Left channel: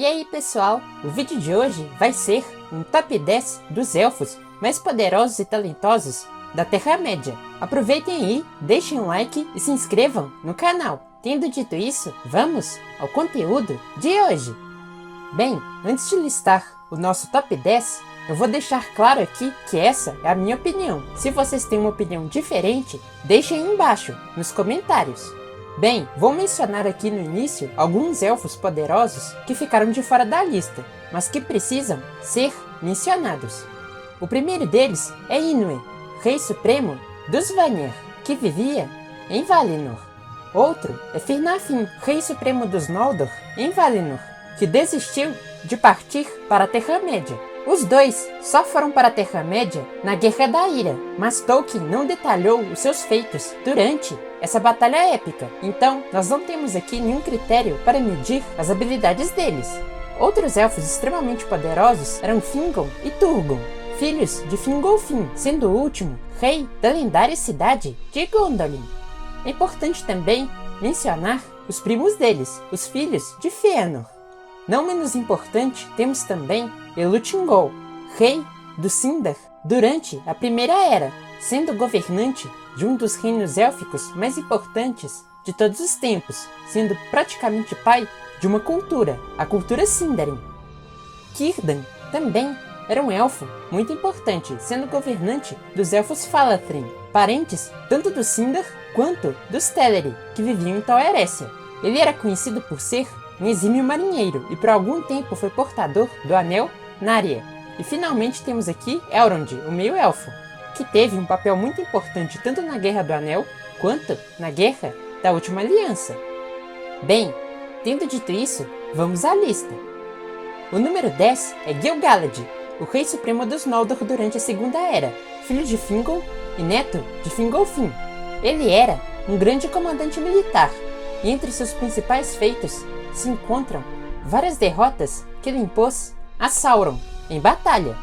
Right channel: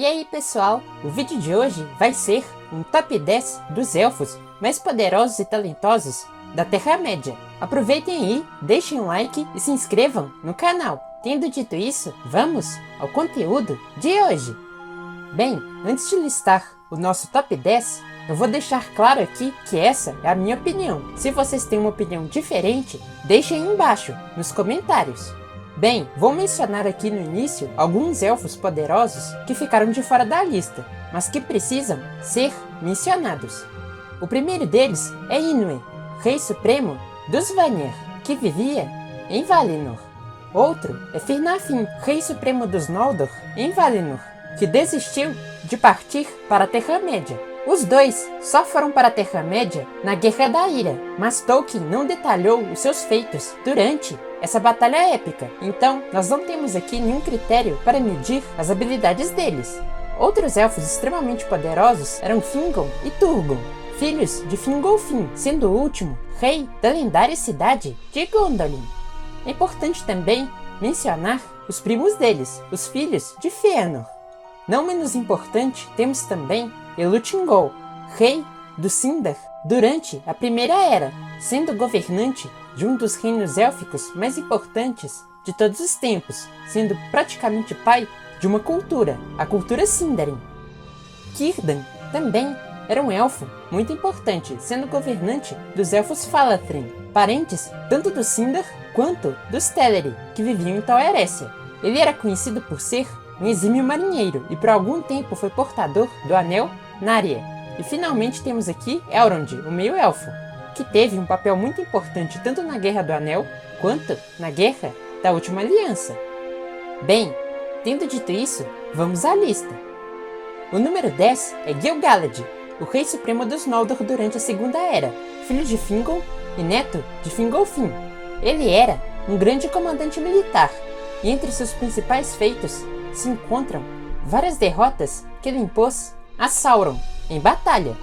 E aí pessoal, o vídeo de hoje vai ser um top 10 dos elfos mais poderosos e talentosos da Terra-média. Aproveitem aí, deixem um like e se inscrevam no canal. Tendo dito isso, vamos ao conteúdo de hoje. Bem, antes de listar o nosso top 10, eu vou deixar claro aqui que essa é a minha opinião. Se vocês têm uma opinião diferente, deixem aí embaixo, nos comentários. Bem, vou mencionar aqui no início alguns elfos poderosos que ficaram de fora da lista, mas que precisam ser mencionados. O primeiro deles é Inwe, Rei Supremo dos Vanir, que vivia em Valinor. Outro é Firnafin, Rei Supremo dos Noldor, em Valinor, que desistiu de partir para a Terra-média. Os dois só foram para a Terra-média na Guerra da Ira, mas Tolkien não detalhou os seus feitos durante essa batalha épica, então nós não temos aqui nenhum critério para medir as habilidades deles. Outros elfos extremamente poderosos eram Fingon e Turgon, filhos de Fingolfin, sendo o último rei da lendária cidade de Gondolin. É importante também mencionar os primos deles, os filhos de Fëanor. Não menos importante, temos também Elutingol, rei do Sindar durante a Primeira Era, sendo governante de um dos reinos élficos mais importantes de todos os tempos, sendo praticamente pai de uma cultura, a cultura Sindarin. Círdan também era um elfo muito importante, sendo governante dos elfos Falathrin, parentes tanto do Sindar quanto dos Teleri, que viviam em Tal Eressëa. Ele era conhecido por ser um exímio marinheiro e por algum tempo foi portador do Anel Narya. E finalmente temos aqui Elrond, o meio-elfo, que teve um papel muito importante tanto na Guerra do Anel quanto na Guerra da Última Aliança. Bem, tendo dito isso, vamos à lista. O número 10 é Gil-galad, o Rei Supremo dos Noldor durante a Segunda Era, filho de Fingon e neto de Fingolfin. Ele era um grande comandante militar, e entre seus principais feitos se encontram várias derrotas que ele impôs a Sauron em batalha.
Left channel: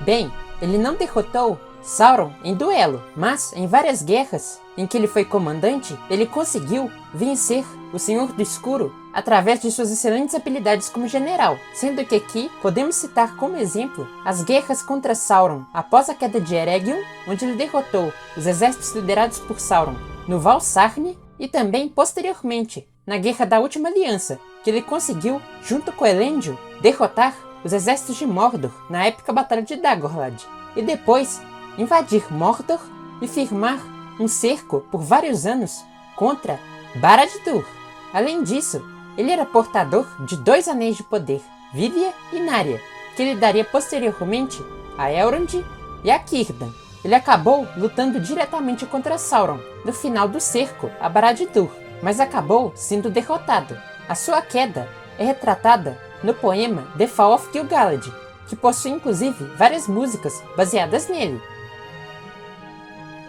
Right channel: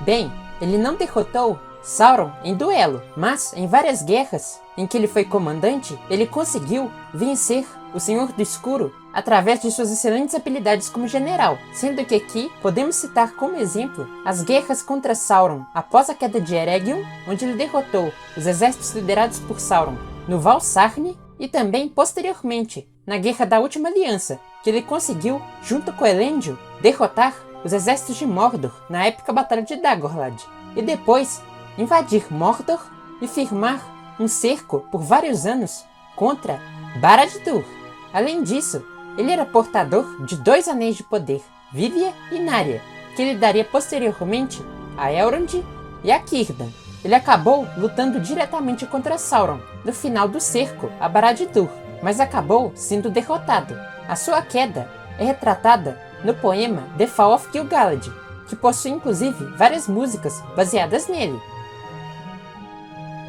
Bem, ele não derrotou Sauron em duelo, mas em várias guerras em que ele foi comandante, ele conseguiu vencer o Senhor do Escuro através de suas excelentes habilidades como general, sendo que aqui podemos citar como exemplo as guerras contra Sauron após a queda de Eregion, onde ele derrotou os exércitos liderados por Sauron no Val Sarni, e também posteriormente na Guerra da Última Aliança, que ele conseguiu, junto com Elendil, derrotar os exércitos de Mordor na épica Batalha de Dagorlad, e depois invadir Mordor e firmar um cerco por vários anos contra Barad-dûr. Além disso, ele era portador de 2 anéis de poder, Vidya e Narya, que ele daria posteriormente a Elrond e a Círdan. Ele acabou lutando diretamente contra Sauron no final do cerco a Barad-dûr, mas acabou sendo derrotado. A sua queda é retratada no poema The Fall of Gil-galad, que possui inclusive várias músicas baseadas nele.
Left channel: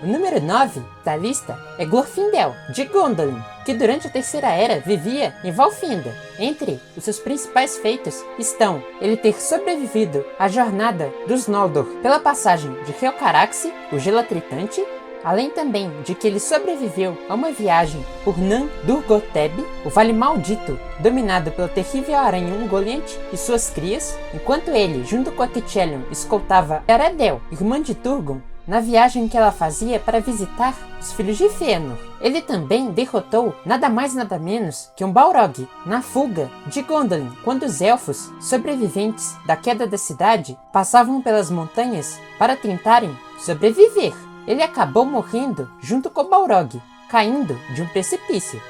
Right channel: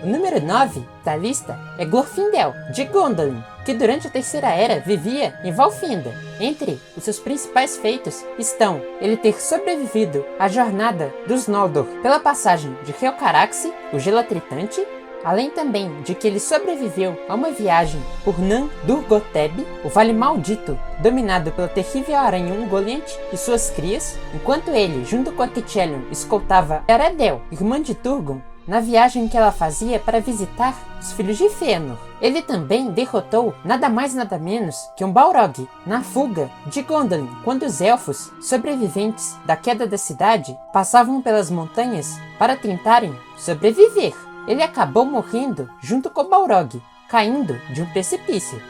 O número 9 da lista é Glorfindel, de Gondolin, que durante a Terceira Era vivia em Valfenda. Entre os seus principais feitos estão ele ter sobrevivido à jornada dos Noldor pela passagem de Helcaraxë, o Gelatritante, além também de que ele sobreviveu a uma viagem por Nan-Durgotheb, o Vale Maldito, dominado pela terrível aranha Ungoliant e suas crias, enquanto ele, junto com a Thitchelion, escoltava Eredel, irmã de Turgon, na viagem que ela fazia para visitar os filhos de Fëanor. Ele também derrotou nada mais nada menos que um Balrog na fuga de Gondolin, quando os elfos sobreviventes da queda da cidade passavam pelas montanhas para tentarem sobreviver. Ele acabou morrendo junto com Balrog, caindo de um precipício.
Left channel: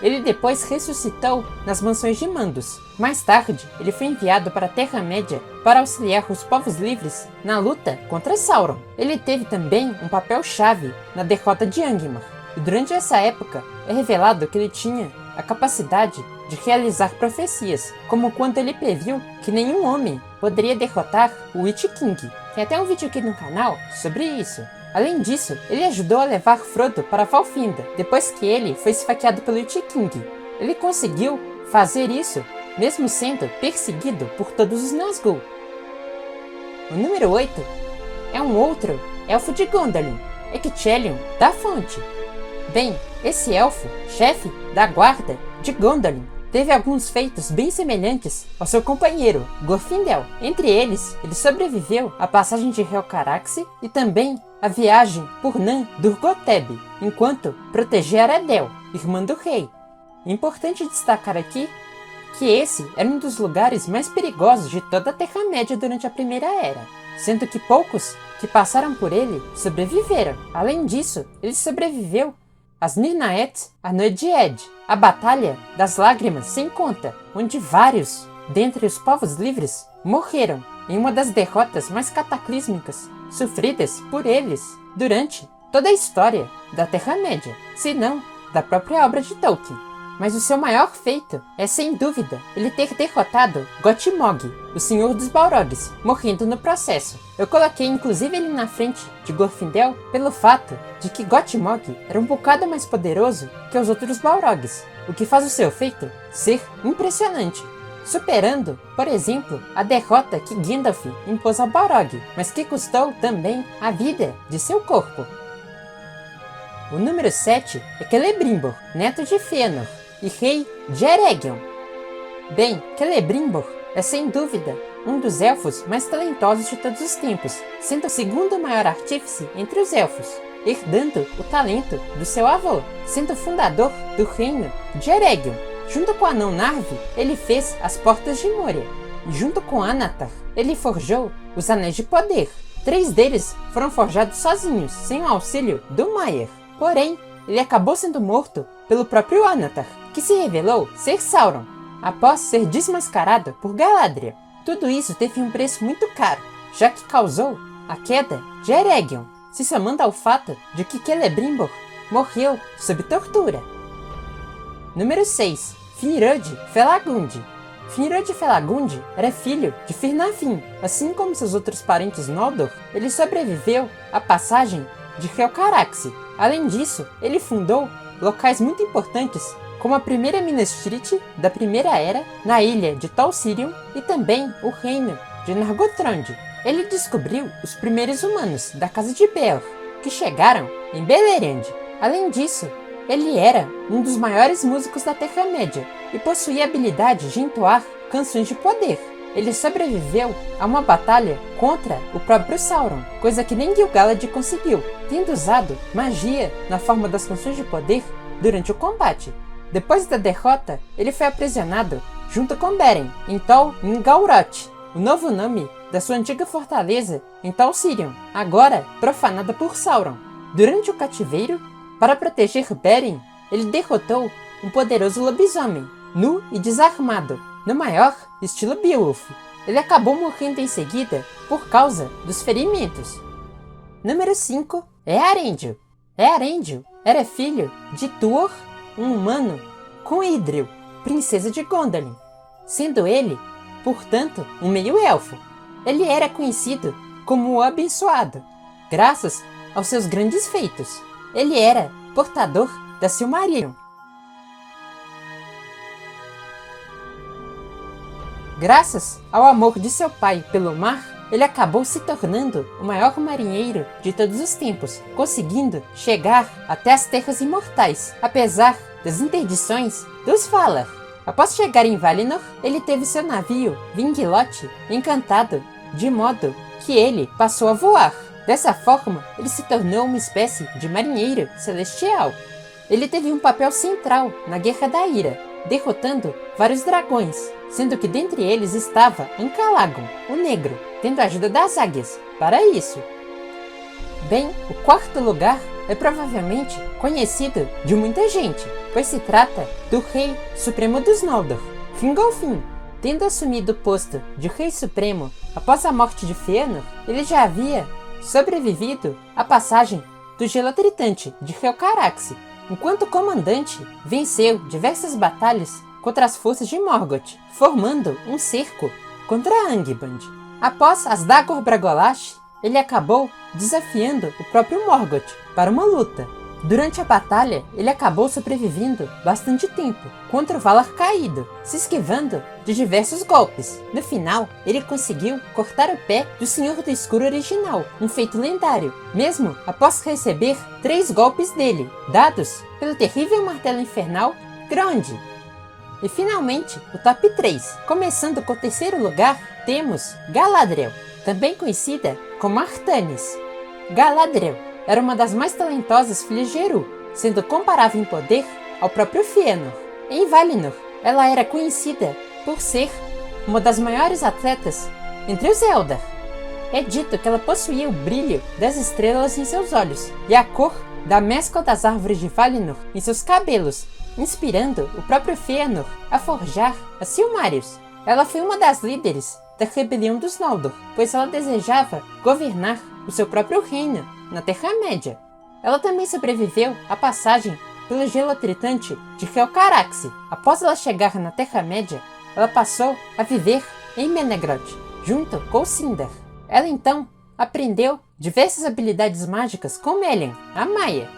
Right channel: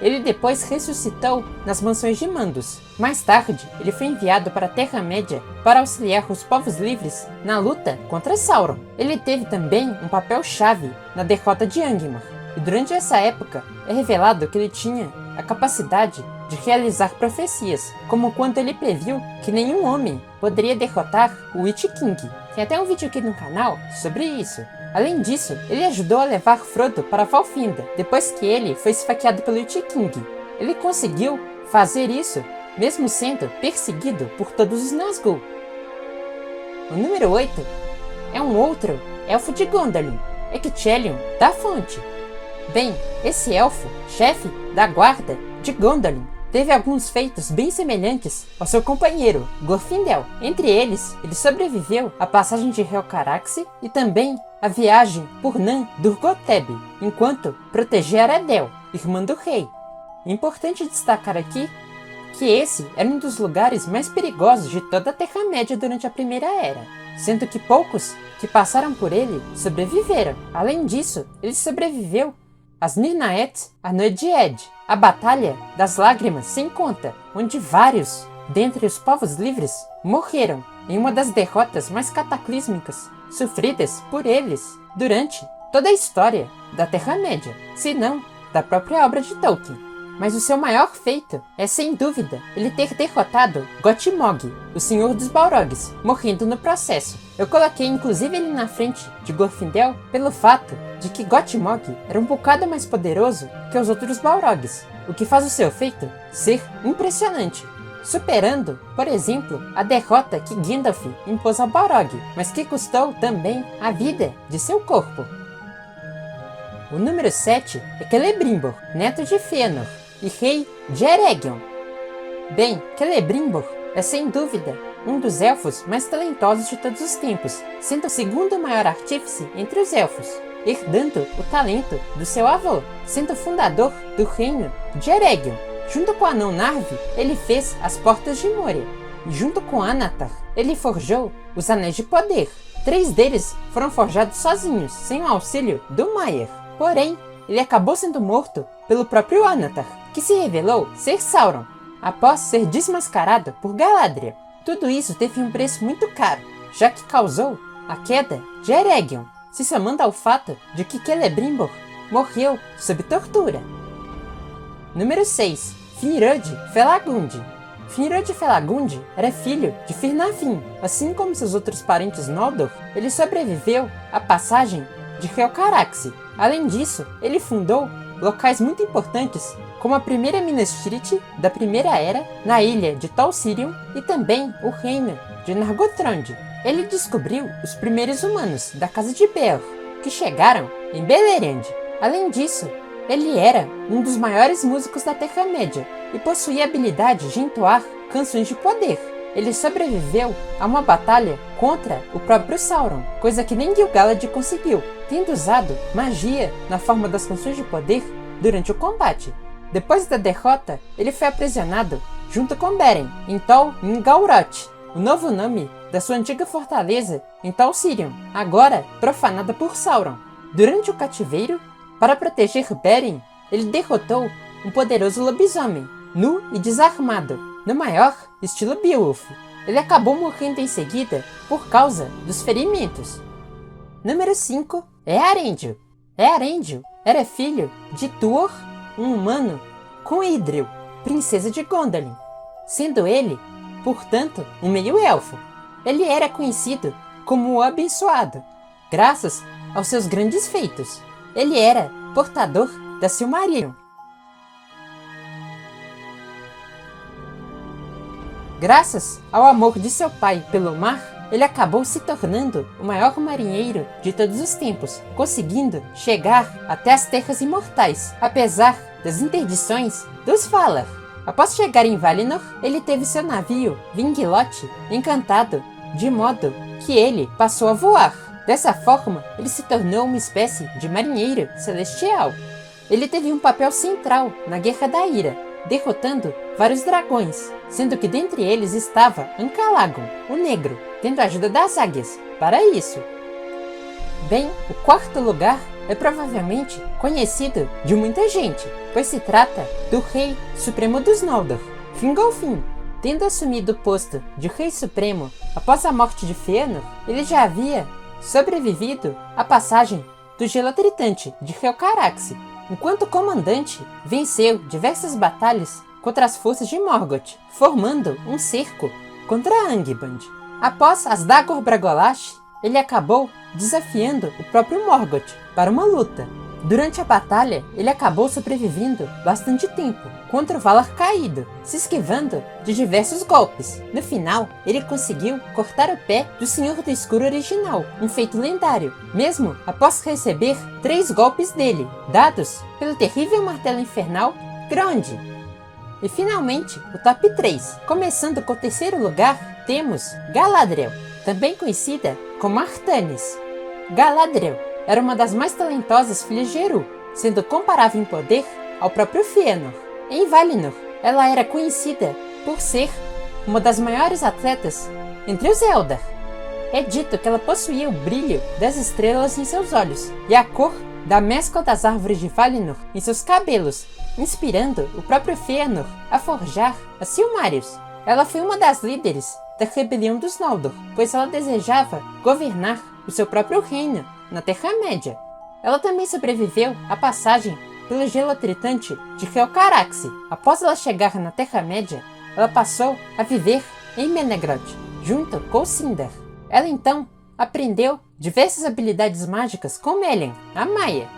Ele depois ressuscitou nas Mansões de Mandos. Mais tarde, ele foi enviado para a Terra-média para auxiliar os povos livres na luta contra Sauron. Ele teve também um papel-chave na derrota de Angmar. E durante essa época, é revelado que ele tinha a capacidade de realizar profecias, como quando ele previu que nenhum homem poderia derrotar o Witch King. Tem até um vídeo aqui no canal sobre isso. Além disso, ele ajudou a levar Frodo para Valfenda, depois que ele foi esfaqueado pelo Witch King. Ele conseguiu fazer isso, mesmo sendo perseguido por todos os Nazgûl. O número 8 é um outro elfo de Gondolin, Ecthelion da Fonte. Bem, esse elfo, chefe da guarda de Gondolin, teve alguns feitos bem semelhantes ao seu companheiro, Glorfindel. Entre eles, ele sobreviveu à passagem de Helcaraxe e também a viagem por Nan Durgoteb, enquanto protegia Aradel, irmã do rei. Importante destacar aqui que esse era um dos lugares mais perigosos de toda a Terra-média durante a Primeira Era, sendo que poucos que passaram por ele sobreviveram. Além disso, ele sobreviveu às Nirnaeth Anoedied, a Batalha das Lágrimas sem conta, onde vários, dentre os povos livres, morreram em uma das derrotas mais cataclísmicas sofridas por eles durante toda a história da Terra-média, se não da própria obra de Tolkien. Mas o seu maior feito é, sem dúvida, ele ter derrotado Gottmog, o Senhor dos Balrogs, morrendo no processo. Eu coloquei inclusive ele na frente de Glorfindel pelo fato de que Gottmog era um bocado mais poderoso que os outros Balrogs, o que faz o seu feito ser impressionante, superando, por exemplo, a derrota que Gandalf impôs ao Balrog, mas que custou também a vida de seu corpo. O número 7 é Celebrimbor, neto de Fëanor e rei de Eregion. Bem, Celebrimbor é sem dúvida um dos elfos mais talentosos de todos os tempos, sendo o segundo maior artífice entre os elfos, herdando o talento do seu avô, sendo o fundador do reino de Eregion. Junto com o anão Narvi, ele fez as Portas de Moria, e junto com Anatar, ele forjou os Anéis de Poder. 3 deles foram forjados sozinhos, sem o auxílio do Maiar. Porém, ele acabou sendo morto pelo próprio Anatar, que se revelou ser Sauron, após ser desmascarado por Galadriel. Tudo isso teve um preço muito caro, já que causou a queda de Eregion, se somando ao fato de que Celebrimbor morreu sob tortura. Número 6. Finrod Felagund. Finrod Felagund era filho de Firnafin. Assim como seus outros parentes Noldor, ele sobreviveu à passagem de Helcaraxe. Além disso, ele fundou locais muito importantes, como a primeira Minas Tirith da Primeira Era, na ilha de Tol Sirion, e também o reino de Nargothrond. Ele descobriu os primeiros humanos da Casa de Beor, que chegaram em Beleriand. Além disso, ele era um dos maiores músicos da Terra-média e possuía a habilidade de entoar canções de poder. Ele sobreviveu a uma batalha contra o próprio Sauron, coisa que nem Gil-galad conseguiu, tendo usado magia na forma das canções de poder durante o combate. Depois da derrota, ele foi aprisionado junto com Beren em Tol Ngauroth, o novo nome da sua antiga fortaleza em Tol Sirion, agora profanada por Sauron. Durante o cativeiro, para proteger Beren, ele derrotou um poderoso lobisomem, nu e desarmado, no maior estilo Beowulf. Ele acabou morrendo em seguida por causa dos ferimentos. Número 5 é Eärendil. Eärendil era filho de Tuor, um humano, com Idril, princesa de Gondolin, sendo ele, portanto, um meio-elfo. Ele era conhecido como o Abençoado, graças aos seus grandes feitos. Ele era portador da Silmarillion. Graças ao amor de seu pai pelo mar, ele acabou se tornando o maior marinheiro de todos os tempos, conseguindo chegar até as Terras Imortais, apesar das interdições dos Valar. Após chegar em Valinor, ele teve seu navio, Vinglote, encantado, de modo que ele passou a voar. Dessa forma, ele se tornou uma espécie de marinheiro celestial. Ele teve um papel central na Guerra da Ira, derrotando vários dragões, sendo que dentre eles estava Ancalagon, o Negro, tendo a ajuda das águias para isso. Bem, o quarto lugar é provavelmente conhecido de muita gente, pois se trata do Rei Supremo dos Noldor, Fingolfin. Tendo assumido o posto de Rei Supremo após a morte de Fëanor, ele já havia sobrevivido à passagem do Gelo Tritante de Helcaraxe. Enquanto comandante, venceu diversas batalhas contra as forças de Morgoth, formando um cerco contra Angband. Após as Dagor Bragolash, ele acabou desafiando o próprio Morgoth para uma luta. Durante a batalha, ele acabou sobrevivendo bastante tempo contra o Valar Caído, se esquivando de diversos golpes. No final, ele conseguiu cortar o pé do Senhor do Escuro original, um feito lendário, mesmo após receber 3 golpes dele, dados pelo terrível martelo infernal Grond. E finalmente, o top 3. Começando com o terceiro lugar, temos Galadriel, também conhecida como Artanis. Galadriel era uma das mais talentosas filhas de Eru, sendo comparável em poder ao próprio Fëanor. Em Valinor, ela era conhecida por ser uma das maiores atletas entre os Eldar. É dito que ela possuía o brilho das estrelas em seus olhos e a cor da mescla das árvores de Valinor em seus cabelos, inspirando o próprio Fëanor a forjar as Silmarils. Ela foi uma das líderes da rebelião dos Noldor, pois ela desejava governar o seu próprio reino na Terra-média. Ela também sobreviveu à passagem pelo gelo tritante de Helcaraxë. Após ela chegar na Terra-média, ela passou a viver em Menegroth, junto com Sindar. Ela então aprendeu diversas habilidades mágicas com Melian, a Maia.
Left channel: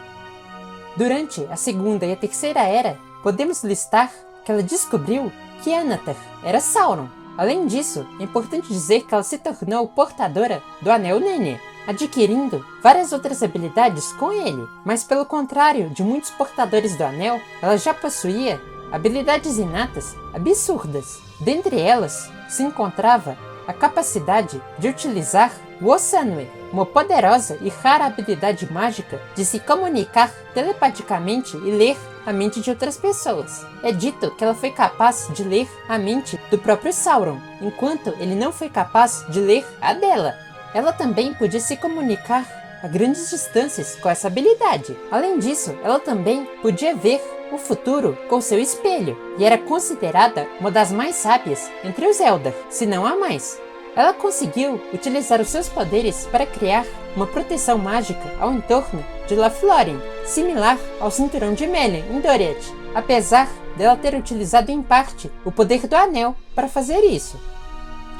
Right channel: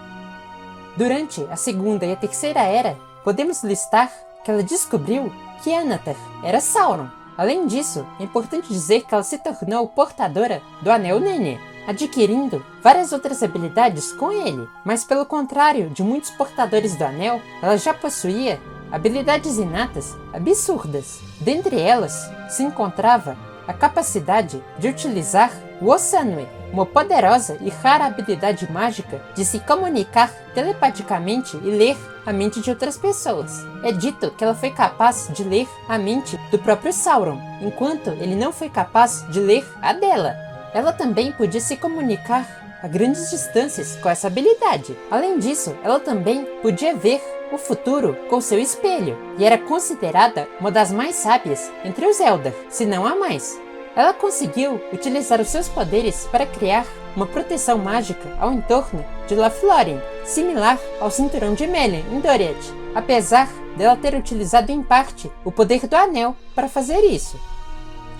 Durante a Segunda e a Terceira Era, podemos listar que ela descobriu que Anatar era Sauron. Além disso, é importante dizer que ela se tornou portadora do Anel Nene, adquirindo várias outras habilidades com ele. Mas pelo contrário de muitos portadores do Anel, ela já possuía habilidades inatas absurdas. Dentre elas, se encontrava a capacidade de utilizar o Osanwe, uma poderosa e rara habilidade mágica de se comunicar telepaticamente e ler a mente de outras pessoas. É dito que ela foi capaz de ler a mente do próprio Sauron, enquanto ele não foi capaz de ler a dela. Ela também podia se comunicar a grandes distâncias com essa habilidade. Além disso, ela também podia ver o futuro com seu espelho, e era considerada uma das mais sábias entre os Eldar, se não a mais. Ela conseguiu utilizar os seus poderes para criar uma proteção mágica ao entorno de Lothlórien, similar ao cinturão de Melian em Doriath, apesar dela ter utilizado em parte o poder do Anel para fazer isso.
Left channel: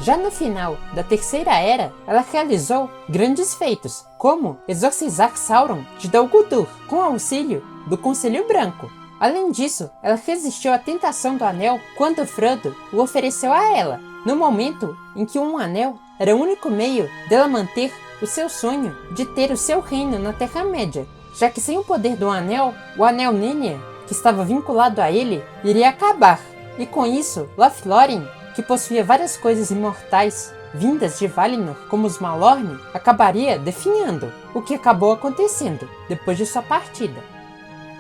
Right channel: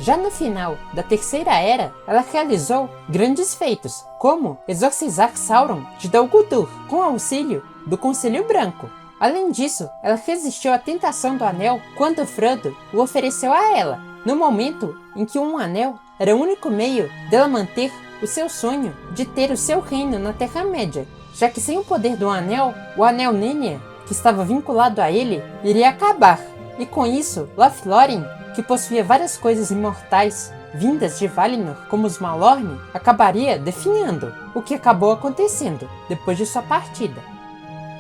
Já no final da Terceira Era, ela realizou grandes feitos, como exorcizar Sauron de Dol Guldur, com auxílio do Conselho Branco. Além disso, ela resistiu à tentação do Anel quando Frodo o ofereceu a ela, no momento em que um anel era o único meio dela manter o seu sonho de ter o seu reino na Terra-média, já que sem o poder do anel, o Anel Nene, que estava vinculado a ele, iria acabar. E com isso, Lothlórien, que possuía várias coisas imortais vindas de Valinor, como os Malorne, acabaria definhando, o que acabou acontecendo depois de sua partida.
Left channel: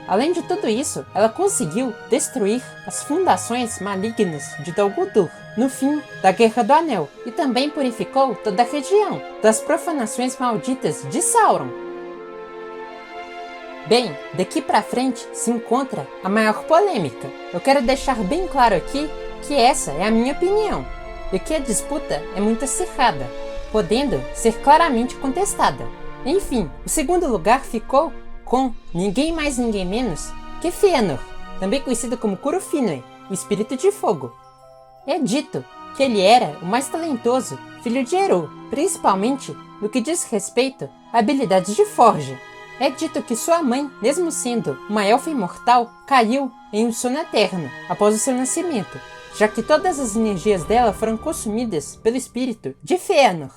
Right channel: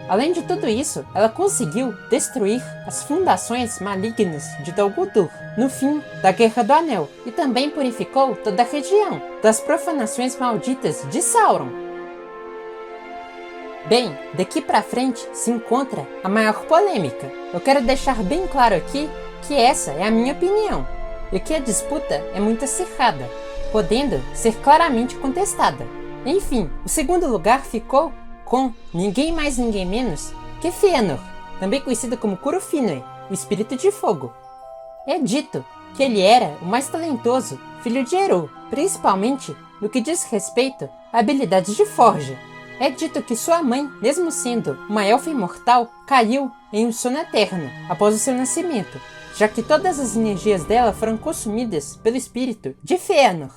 Além de tudo isso, ela conseguiu destruir as fundações malignas de Dol Guldur no fim da Guerra do Anel e também purificou toda a região das profanações malditas de Sauron. Bem, daqui pra frente se encontra a maior polêmica. Eu quero deixar bem claro aqui que essa é a minha opinião e que a disputa é muito acirrada, podendo ser claramente contestada. Enfim, o segundo lugar ficou com ninguém mais ninguém menos que Fëanor, também conhecido como Curufinoe, o Espírito de Fogo. É dito que ele era o mais talentoso filho de Eru, principalmente no que diz respeito a habilidades de forja. É dito que sua mãe, mesmo sendo uma elfa imortal, caiu em um sono eterno após o seu nascimento, já que todas as energias dela foram consumidas pelo espírito de Fëanor.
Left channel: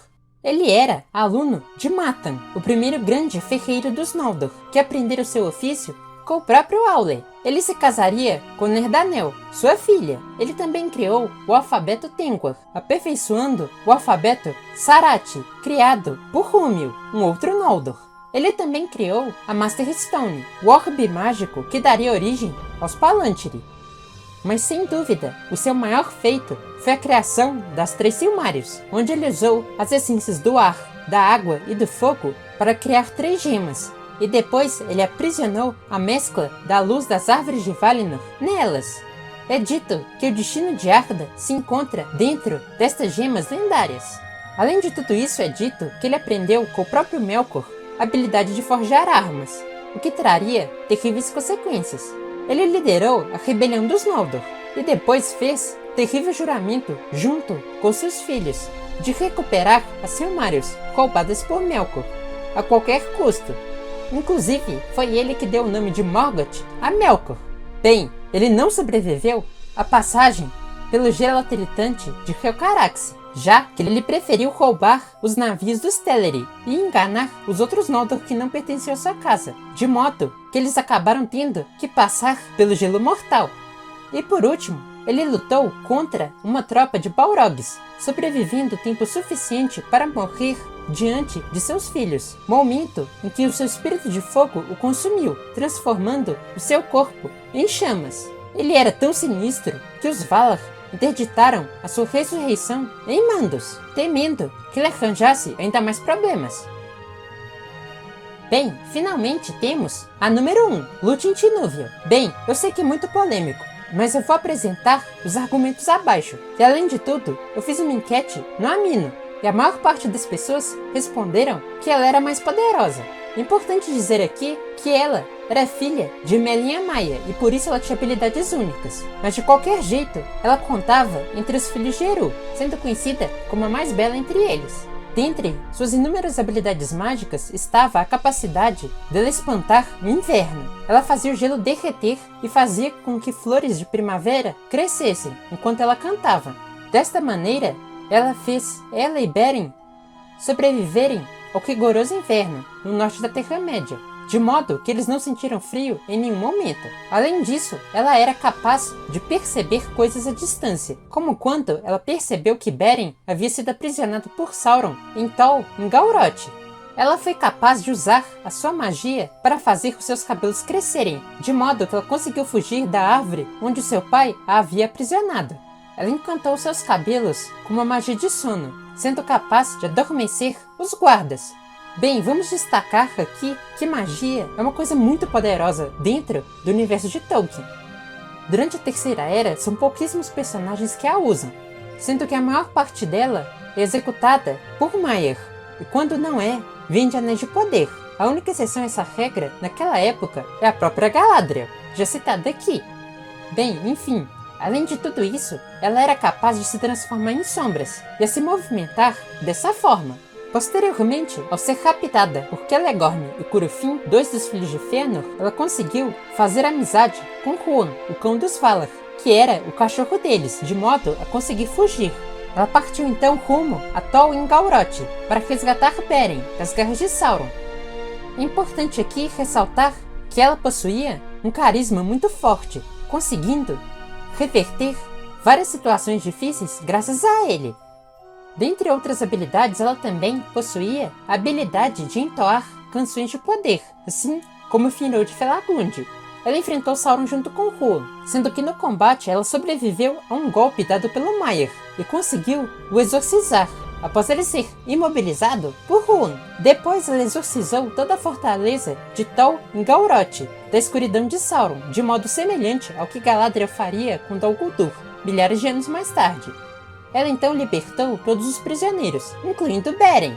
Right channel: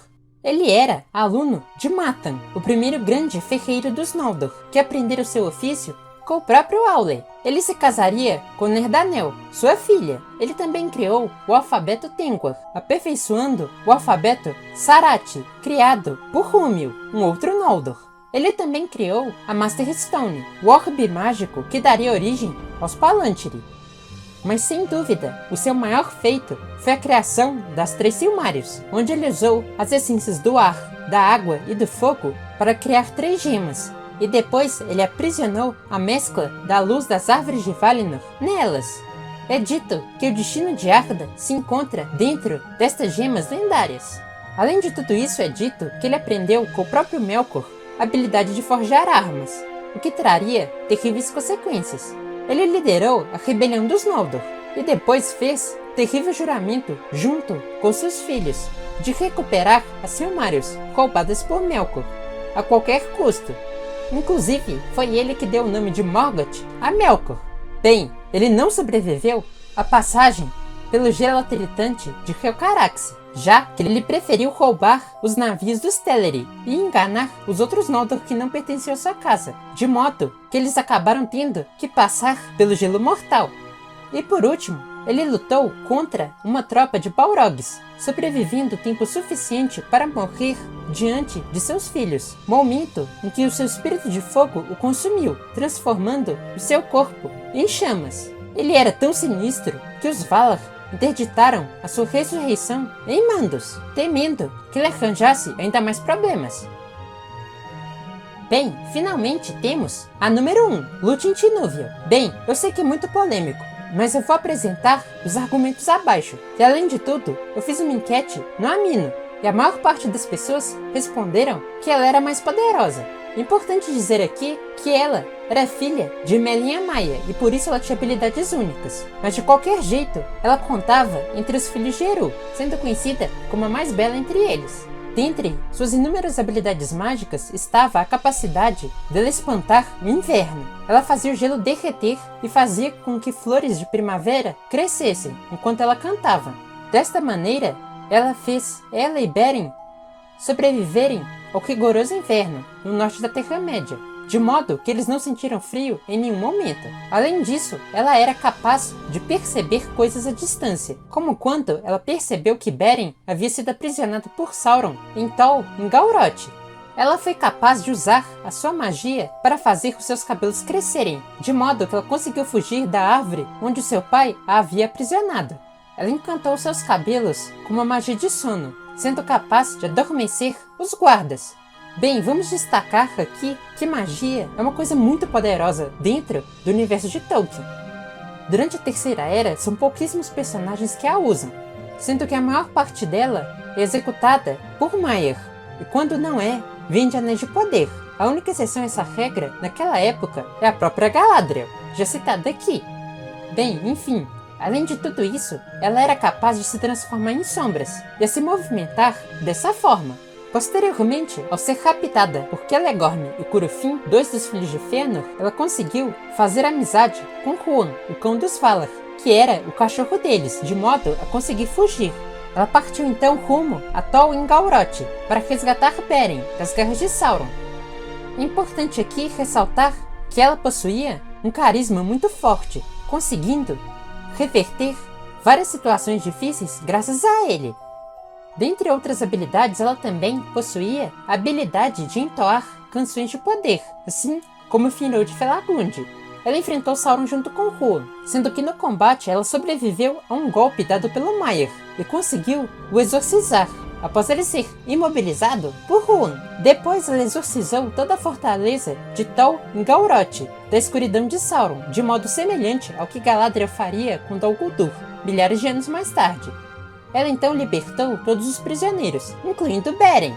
Ele era aluno de Matan, o primeiro grande ferreiro dos Noldor, que aprendera o seu ofício com o próprio Aule. Ele se casaria com Nerdanel, sua filha. Ele também criou o alfabeto Tengwar, aperfeiçoando o alfabeto Sarathi, criado por Rúmil, um outro Noldor. Ele também criou a Master Stone, o orbe mágico que daria origem aos Palantiri. Mas sem dúvida, o seu maior feito foi a criação das Três Silmarils, onde ele usou as essências do ar, da água e do fogo para criar 3 gemas. E depois ele aprisionou a mescla da luz das árvores de Valinor nelas. É dito que o destino de Arda se encontra dentro destas gemas lendárias. Além de tudo isso, é dito que ele aprendeu com o próprio Melkor a habilidade de forjar armas, o que traria terríveis consequências. Ele liderou a rebelião dos Noldor e depois fez terrível juramento junto com seus filhos de recuperar as Silmarils roubadas por Melkor a qualquer custo. Inclusive, foi ele que deu o nome de Morgoth a Melkor. Bem, ele não sobreviveu à passagem pelo gelo tritante de Helcaraxë, já que ele preferiu roubar os navios dos Teleri e enganar os outros Noldor que não pertenciam à sua casa, de modo que eles acabaram tendo que passar pelo gelo mortal. E por último, ele lutou contra uma tropa de Balrogs, sobrevivendo tempo suficiente para morrer diante de seus filhos, momento em que o seu espírito de fogo o consumiu, transformando o seu corpo em chamas. Ele era tão sinistro que os Valar interditaram a sua ressurreição em Mandos, temendo que ele arranjasse ainda mais problemas. Bem, finalmente temos a número 1, Lúthien Tinúviel. Bem, eu sei que é muito polêmico, mas eu vou apresentar os argumentos abaixo. E além de tudo, eu fiz uma enquete no Amino, e a maior parte das pessoas responderam que ela era mais poderosa. Importante dizer aqui que ela era filha de Melinha Maia e por isso ela tinha habilidades únicas. Mas de qualquer jeito, ela contava entre os filhos de Eru, sendo conhecida como a mais bela entre eles. Dentre suas inúmeras habilidades mágicas estava a capacidade dela espantar o inverno. Ela fazia o gelo derreter e fazia com que flores de primavera crescessem enquanto ela cantava. Desta maneira, ela fez ela e Beren sobreviverem ao rigoroso inverno no norte da Terra-média, de modo que eles não sentiram frio em nenhum momento. Além disso, ela era capaz de perceber coisas à distância, como quando ela percebeu que Beren havia sido aprisionado por Sauron em Tol Ngauroth. Ela foi capaz de usar a sua magia para fazer os seus cabelos crescerem, de modo que ela conseguiu fugir da árvore onde seu pai a havia aprisionado. Ela encantou seus cabelos com uma magia de sono, sendo capaz de adormecer os guardas. Bem, vamos destacar aqui que magia é uma coisa muito poderosa dentro do universo de Tolkien. Durante a Terceira Era, são pouquíssimos personagens que a usam, sendo que a maior parte dela é executada por Maiar, e quando não é, vem de Anéis de Poder. A única exceção a essa regra, naquela época, é a própria Galadriel, já citada aqui. Bem, enfim, além de tudo isso, ela era capaz de se transformar em sombras e a se movimentar dessa forma. Posteriormente, ao ser raptada por Celegorm e Curufin, dois dos filhos de Fëanor, ela conseguiu fazer amizade com Huon, o cão dos Valar, que era o cachorro deles, de modo a conseguir fugir. Ela partiu então rumo a Tol Ngauroth para resgatar Beren das garras de Sauron. É importante aqui ressaltar que ela possuía um carisma muito forte, conseguindo reverter várias situações difíceis graças a ele. Dentre outras habilidades, ela também possuía a habilidade de entoar canções de poder, assim como Finrod Felagund. Ela enfrentou Sauron junto com Huon, sendo que no combate ela sobreviveu a um golpe dado pelo Maiar e conseguiu o exorcizar, após ele ser imobilizado por Huon. Depois ela exorcizou toda a fortaleza de Tol Ngauroth, da escuridão de Sauron, de modo semelhante ao que Galadriel faria com Dol Guldur, milhares de anos mais tarde. Ela então libertou todos os prisioneiros, incluindo Beren.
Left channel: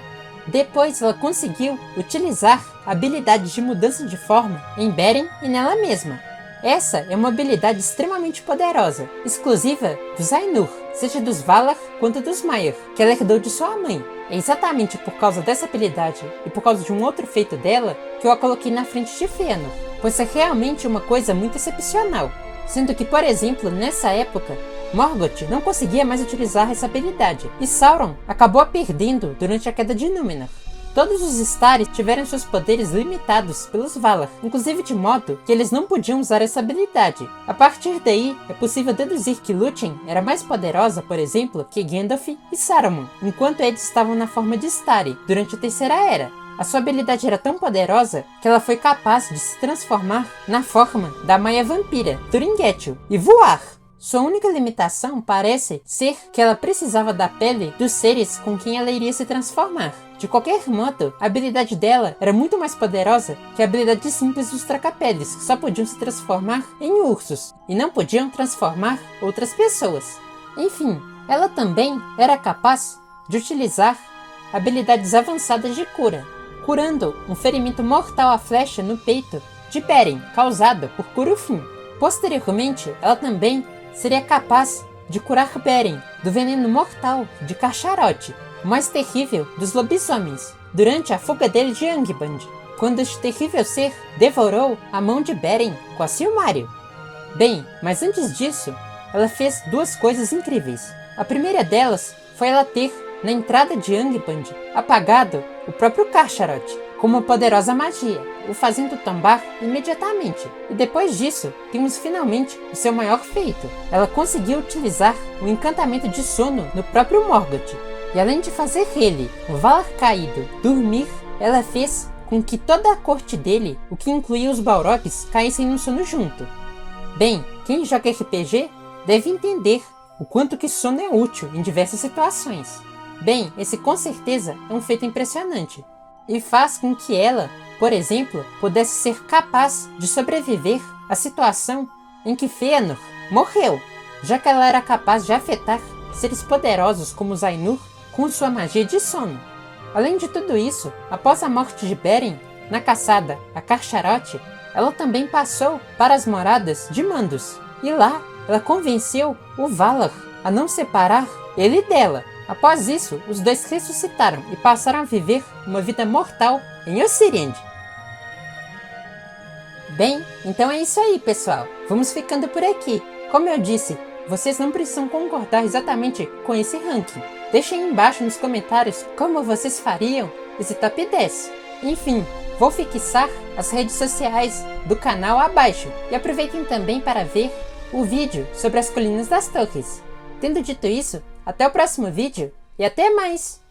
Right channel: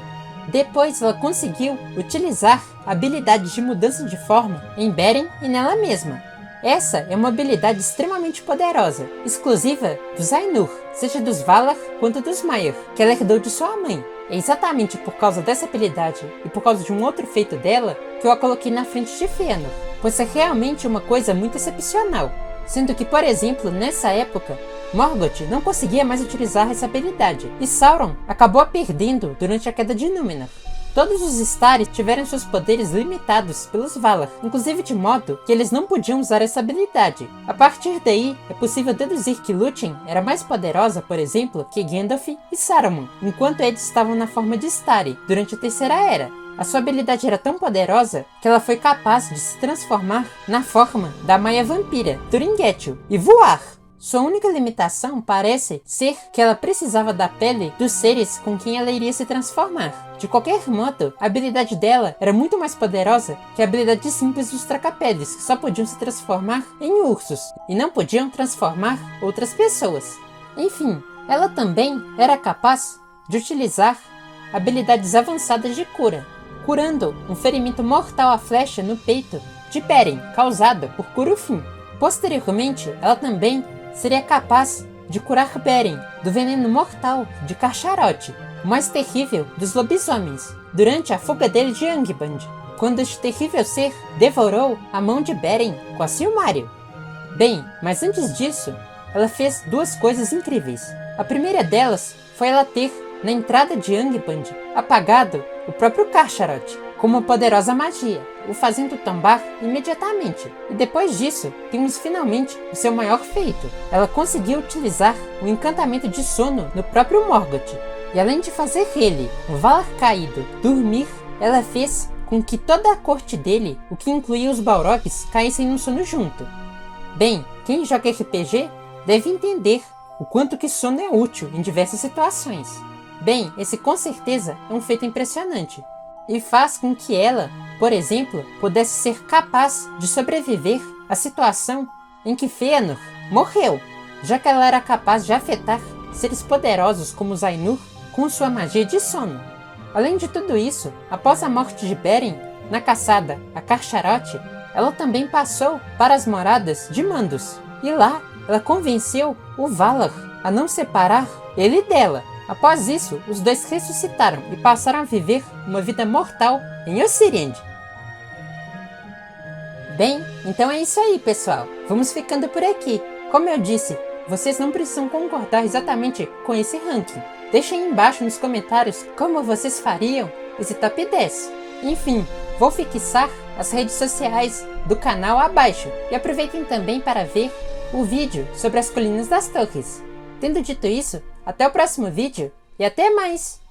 Depois ela conseguiu utilizar a habilidade de mudança de forma em Beren e nela mesma. Essa é uma habilidade extremamente poderosa, exclusiva dos Ainur, seja dos Valar quanto dos Maiar, que ela herdou de sua mãe. É exatamente por causa dessa habilidade e por causa de um outro feito dela que eu a coloquei na frente de Fëanor, pois é realmente uma coisa muito excepcional. Sendo que, por exemplo, nessa época, Morgoth não conseguia mais utilizar essa habilidade, e Sauron acabou a perdendo durante a queda de Númenor. Todos os Istari tiveram seus poderes limitados pelos Valar, inclusive de modo que eles não podiam usar essa habilidade. A partir daí, é possível deduzir que Lúthien era mais poderosa, por exemplo, que Gandalf e Saruman, enquanto eles estavam na forma de Istari, durante a Terceira Era. A sua habilidade era tão poderosa que ela foi capaz de se transformar na forma da Maia Vampira, Turingethil, e voar. Sua única limitação parece ser que ela precisava da pele dos seres com quem ela iria se transformar. De qualquer modo, a habilidade dela era muito mais poderosa que a habilidade simples dos Trocapeles, que só podiam se transformar em ursos e não podiam transformar outras pessoas. Enfim, ela também era capaz de utilizar habilidades avançadas de cura, curando um ferimento mortal à flecha no peito de Beren, causada por Curufin. Posteriormente, ela também seria capaz de curar Beren do veneno mortal de Carcharoth, o mais terrível dos lobisomens, durante a fuga dele de Angband, quando este terrível ser devorou a mão de Beren com a Silmaril. Bem, mas antes disso, ela fez duas coisas incríveis. A primeira delas foi ela ter, na entrada de Angband, apagado o próprio Carcharoth com uma poderosa magia. o fazendo tombar imediatamente. E depois disso, temos finalmente o seu maior feito. Ela conseguiu utilizar o encantamento de sono no próprio Morgoth. E além de fazer ele, o Valar caído, dormir, ela fez com que toda a corte dele, o que incluía os Balrogs, caíssem no sono junto. Bem, quem joga RPG deve entender o quanto que sono é útil em diversas situações. Bem, esse com certeza é um feito impressionante. E faz com que ela, por exemplo, pudesse ser capaz de sobreviver à situação em que Fëanor morreu, já que ela era capaz de afetar seres poderosos como os Ainur com sua magia de sono. Além de tudo isso, após a morte de Beren, na caçada a Carcharoth, ela também passou para as moradas de Mandos, e lá ela convenceu o Valar a não separar ele dela. Após isso, os dois ressuscitaram e passaram a viver uma vida mortal em Osiriand. Bem, então é isso aí, pessoal. Vamos ficando por aqui. Como eu disse, vocês não precisam concordar exatamente com esse ranking. Deixem aí embaixo nos comentários como vocês fariam esse top 10. Enfim, vou fixar as redes sociais do canal abaixo. E aproveitem também para ver o vídeo sobre as Colinas das Torres. Tendo dito isso, até o próximo vídeo e até mais!